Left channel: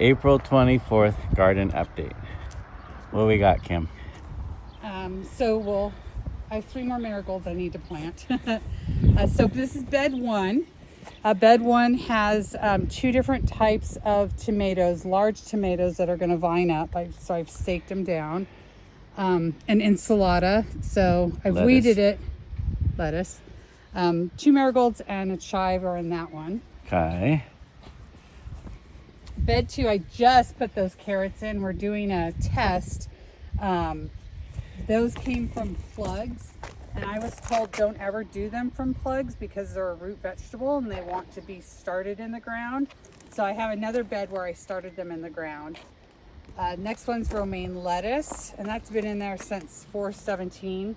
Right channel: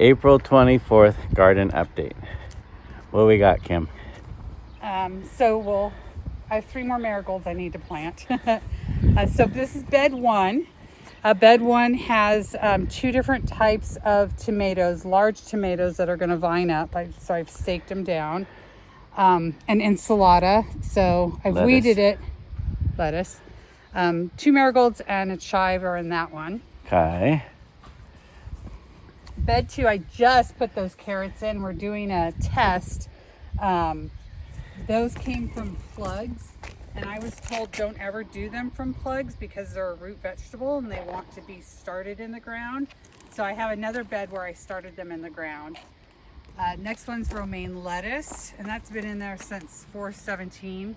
April 24th garden update. What do we got, Kim? I have 3 more marigolds I need to plant. So this is bed 1. Bed 1 has 2 different types of tomatoes, large tomatoes that are going to vine up. So I've staked them down. An enchilada. So I've weeded it. Lettuce. 2 marigolds and a chive are in that one. Okay. Bed 2, I just put those carrots in. We're doing a test. Those came from plugs, and I was told don't ever do them from plugs because they're a root vegetable and they want to be started in the ground. So I have another bed where I started them in the ground. Next one's romaine lettuce, and that's been in there since 4/17.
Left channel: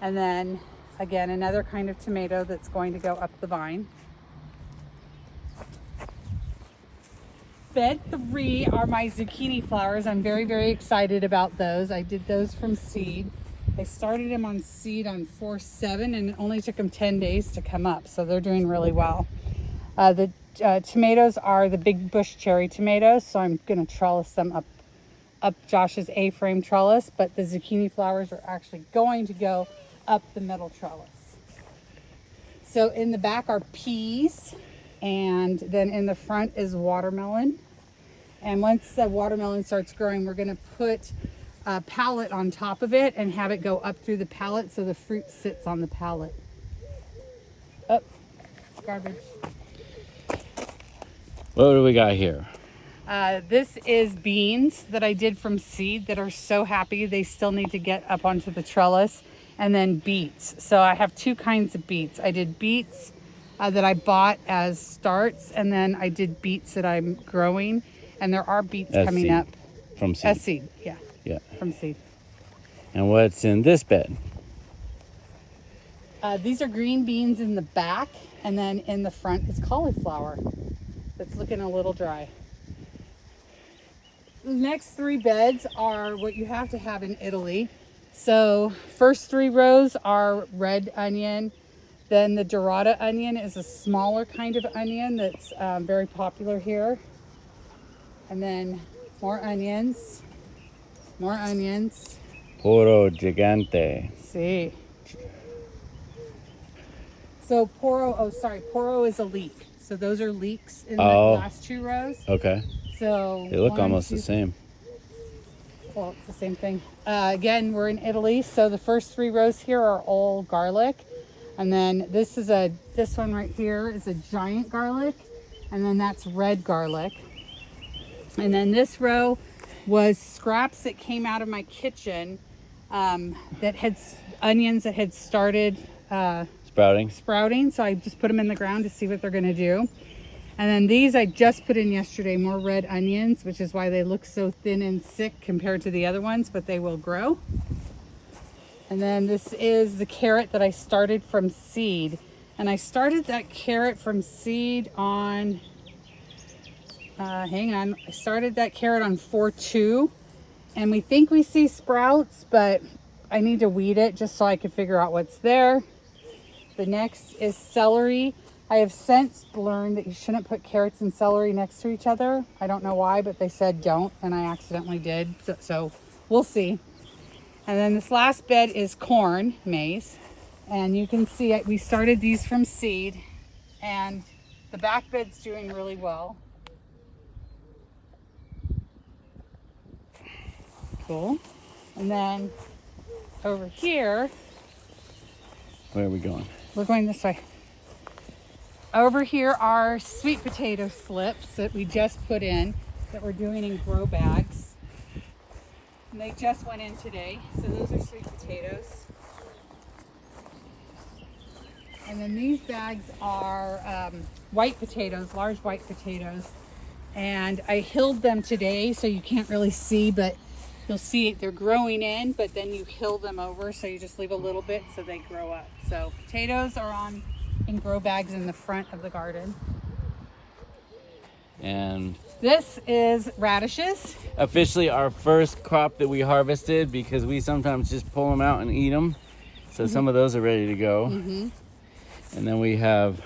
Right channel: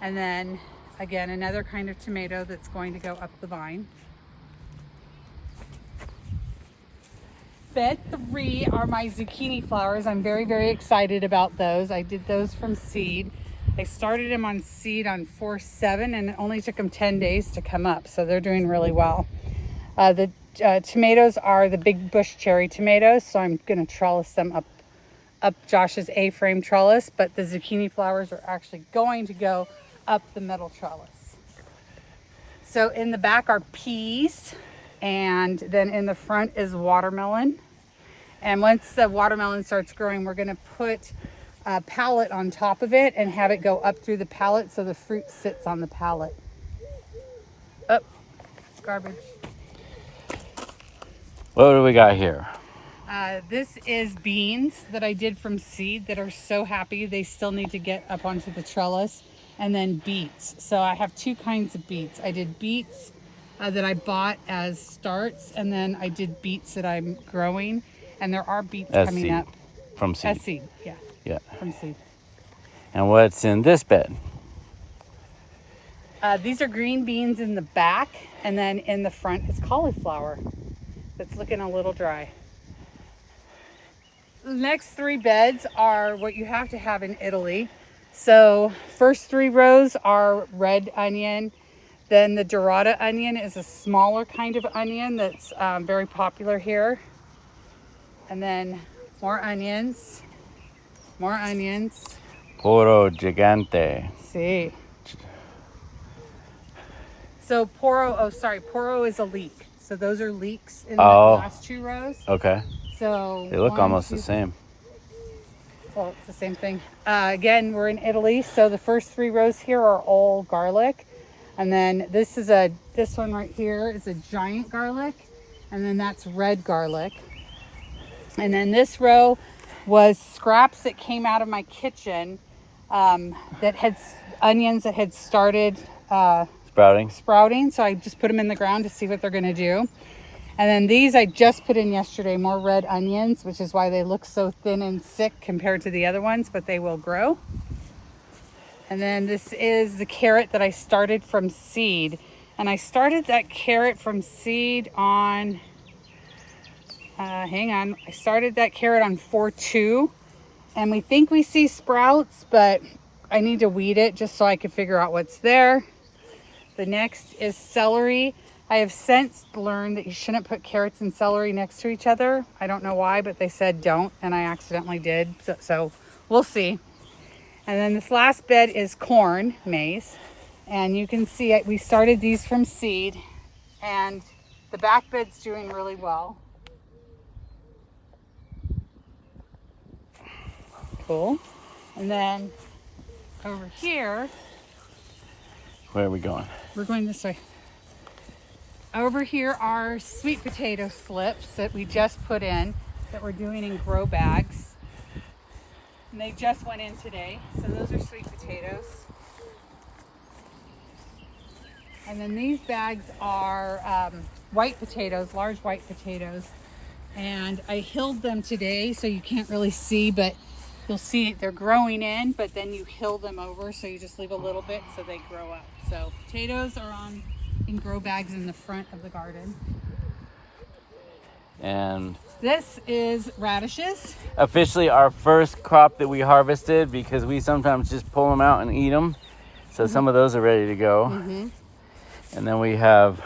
And then again, another kind of tomato that's going to go up the vine. Bed 3 are my zucchini flowers. I'm very, very excited about those. I did those from seed. I started them on seed on 4/7, and it only took them 10 days to come up, so they're doing really well. The tomatoes are the big bush cherry tomatoes, so I'm going to trellis them up Josh's A-frame trellis, but the zucchini flowers are actually going to go up the middle trellis. So in the back are peas. And then in the front is watermelon. And once the watermelon starts growing, we're gonna put a pallet on top of it and have it go up through the pallet so the fruit sits on the pallet. Oh, garbage. What do we got here? This is beans that I did from seed that are so happy. They still need to get up onto the trellis. And then beets. So I have 2 kinds of beets. I did beets that I bought as starts, and then I did beets that I'm growing, and there are beets coming up. From seed. As seed, yeah. Yeah. From seed. And what's in this bed? These are green beans in the back, and then in the front is cauliflower. It's looking a little dry. The next 3 beds are what you have to have in Italy. So first 3 rows are red onion. Then the dorada onion is a smaller kind of onion that's very popular here. And then more onions. Poro gigante. See. So poro is a leek. So those are leeks in the last 2 rows. Okay. So they look almost the same. Well, it's the same thing. Again, we're in Italy. So the first 3 rows here are all garlic. And then this one right here is a giant garlic, and then that's red garlic. And then this row was scraps that came out of my kitchen that had onions that had started sprouting. So I just put them in the ground to see what they're going to do. And then these I just put in yesterday, more red onions, which is why they look so thin and sick compared to the other ones, but they will grow. And then this is the carrot that I started from seed. And I started that carrot from seed on, I started that carrot on 4/2. And we think we see sprouts, but I need to weed it just so I can figure out what's there. The next is celery. I have since learned that you shouldn't put carrots and celery next to each other. I don't know why, but they said don't, and I accidentally did. So we'll see. And then this last bed is corn, maize. And you can see we started these from seed. And the back bed's doing really well. Cool. And then over here. Where are we going? We're going this way. Over here are sweet potato slips that we just put in that we're doing in grow bags. And they just went in today. So those are sweet potatoes. And then these bags are white potatoes, large white potatoes. And I hilled them today, so you can't really see, but you'll see they're growing in, but then you hill them over, so you just leave a little bit so they grow up. So potatoes are in grow bags in the front of the garden. And this is radishes. Officially our first crop that we harvested, because we sometimes just pull them out and eat them. So some of those are ready to go. And then we have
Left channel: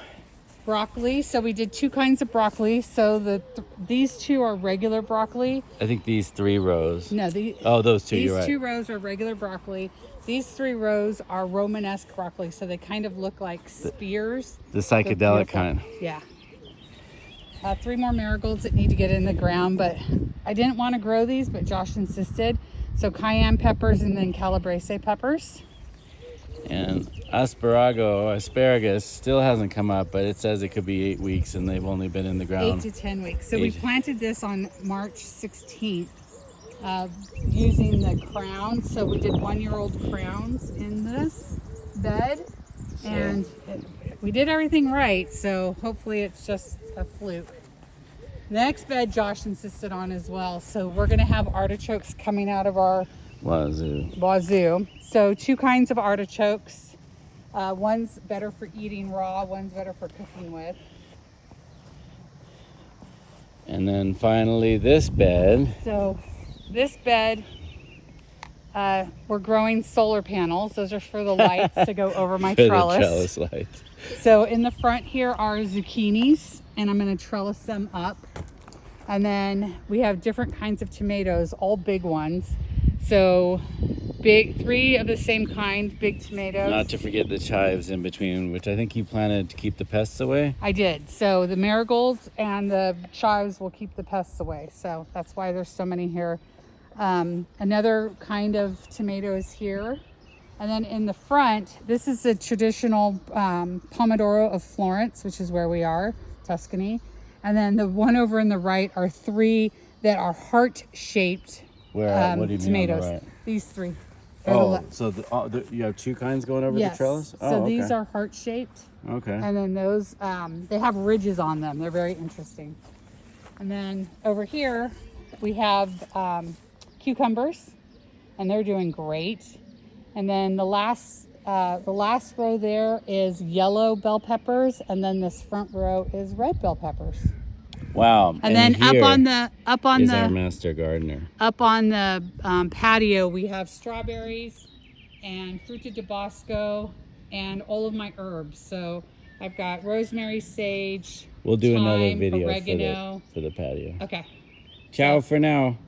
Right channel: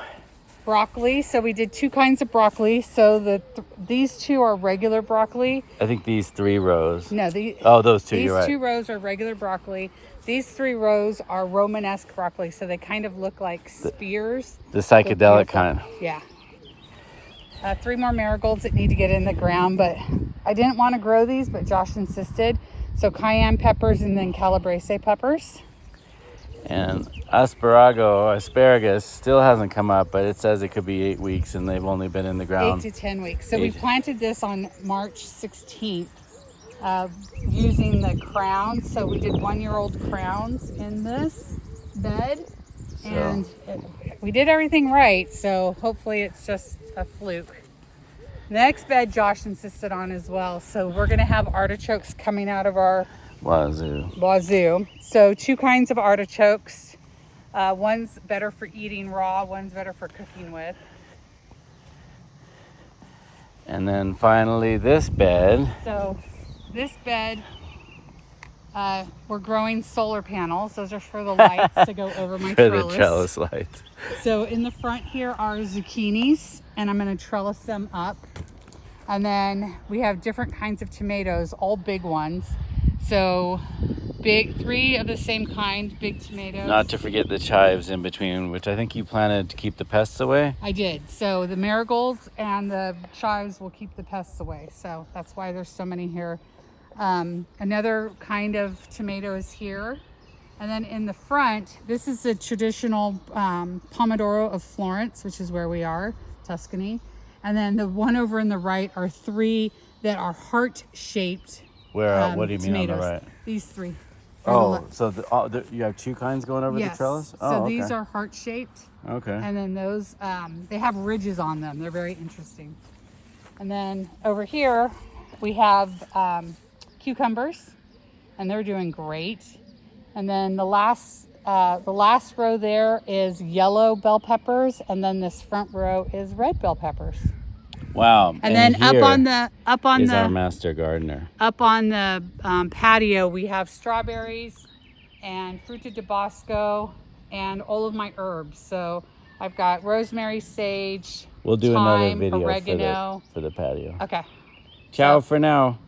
Broccoli. So we did 2 kinds of broccoli. So these 2 are regular broccoli. I think these 3 rows. No, those 2. these You're right. 2 rows are regular broccoli. These 3 rows are Romanesque broccoli. So they kind of look like spears. The psychedelic kind. Yeah. 3 more marigolds that need to get in the ground, but I didn't want to grow these, but Josh insisted. So cayenne peppers and then calabrese peppers. And asparagus still hasn't come up, but it says it could be 8 weeks, and they've only been in the ground 8 to 10 weeks. So we planted this on March 16th using the crowns. So we did 1-year-old crowns in this bed, and we did everything right. So hopefully it's just a fluke. The next bed Josh insisted on as well. So we're going to have artichokes coming out of our wazoo. So 2 kinds of artichokes. One's better for eating raw, one's better for cooking with. And then finally this bed. So this bed, we're growing solar panels. Those are for the lights to go over my trellis. The trellis lights. So in the front here are zucchinis, and I'm going to trellis them up. And then we have different kinds of tomatoes, all big ones. So 3 of the same kind, big tomatoes. Not to forget the chives in between, which I think you planted to keep the pests away. I did. So the marigolds and the chives will keep the pests away. So that's why there's so many here. Another kind of tomato is here. And then in the front, this is the traditional Pomodoro of Florence, which is where we are, Tuscany. And then the one over in the right are 3 that are heart-shaped Where? What do you mean tomatoes. on the right? These 3. So you have 2 kinds going over the trellis? So these are heart-shaped. Okay. And then those, they have ridges on them. They're very interesting. And then over here, we have cucumbers, and they're doing great. And then the last row there is yellow bell peppers, and then this front row is red bell peppers. Wow. And then up on the our master gardener. Up on the patio, we have strawberries and fruta de bosco and all of my herbs. So I've got rosemary, sage. We'll do thyme, another video oregano for the patio. Okay. Ciao for now.